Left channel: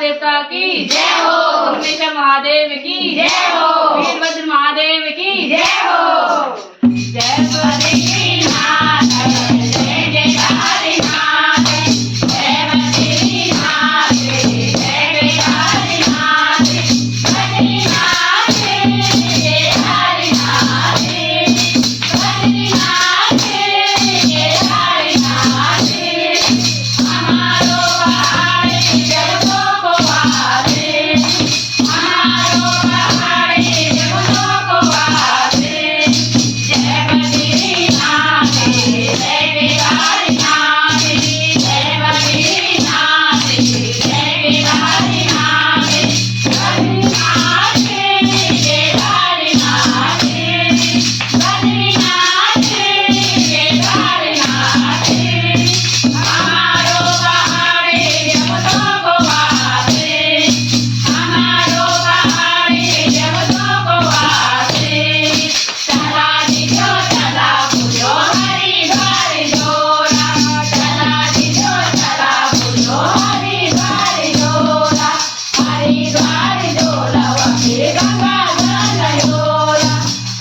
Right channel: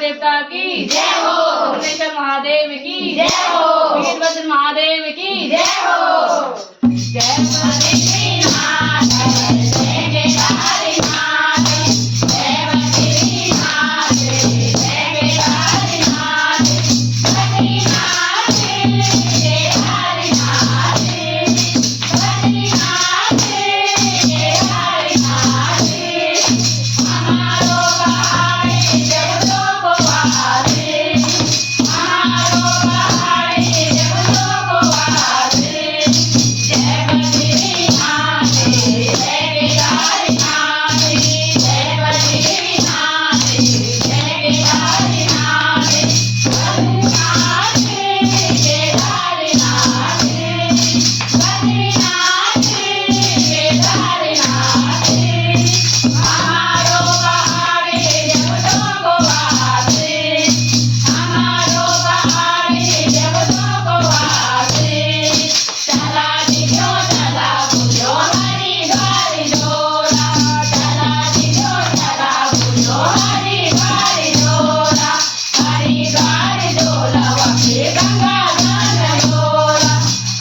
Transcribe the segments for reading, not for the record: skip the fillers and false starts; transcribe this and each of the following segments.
देवता की जय हो, परमेश्वर महादेव की जय हो, वीरभद्र महादेव की जय हो। जय बद्रीनाथ जय केदारनाथ, जय बद्रीनाथ जय केदारनाथ, बद्रीनाथ केदारनाथ, बद्रीनाथ केदारनाथ, हमारो पहाड़ जगतों को वासे, हमारो पहाड़ जगतों को वासे। जय बद्रीनाथ जय केदारनाथ, जय बद्रीनाथ जय केदारनाथ, बद्रीनाथ केदारनाथ, बद्रीनाथ केदारनाथ, हमारो पहाड़ जगतों को वासे, हमारो पहाड़ जगतों को वासे। चला दिजो चला बुझो हरिद्वार जोड़ा, चला दिजो चला बुझो हरिद्वार जोड़ा, हरिद्वार जोड़ा वके गंगा मान योड़ा,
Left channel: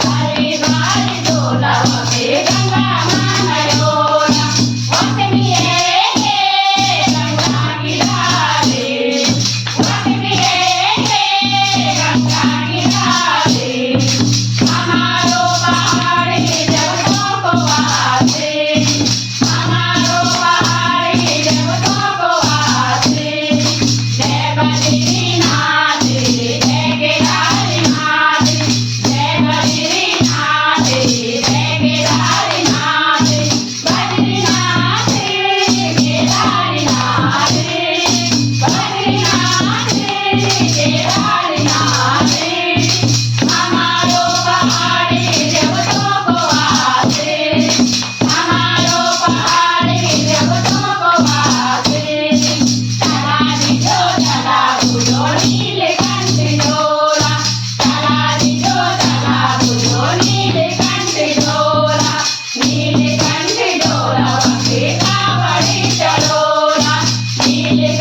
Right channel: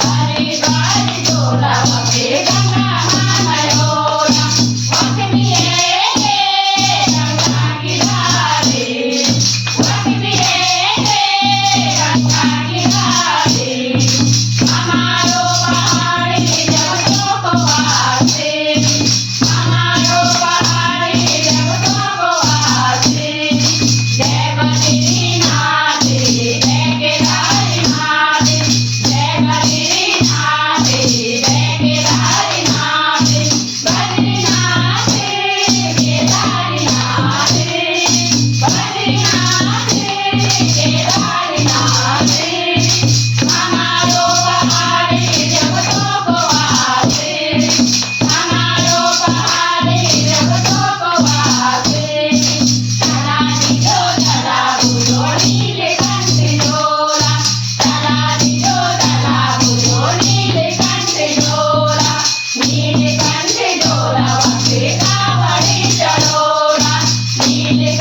हरिद्वार जोड़ा वके गंगा मान योड़ा। वक्ति है गंगा की धारे, वक्ति है गंगा की धारे, हमारो पहाड़ जगतों को वासे, हमारो पहाड़ जगतों को वासे। जय बद्रीनाथ जय केदारनाथ, जय बद्रीनाथ जय केदारनाथ, बद्रीनाथ केदारनाथ, बद्रीनाथ केदारनाथ, हमारो पहाड़ जगतों को वासे, हमारो पहाड़ जगतों को वासे। चला दिजो चला बुझो नीलकंठ जोड़ा, चला दिजो चला बुझो नीलकंठ जोड़ा, नीलकंठ जोड़ा वके कावड़ चढ़ोड़ा, नीलकंठ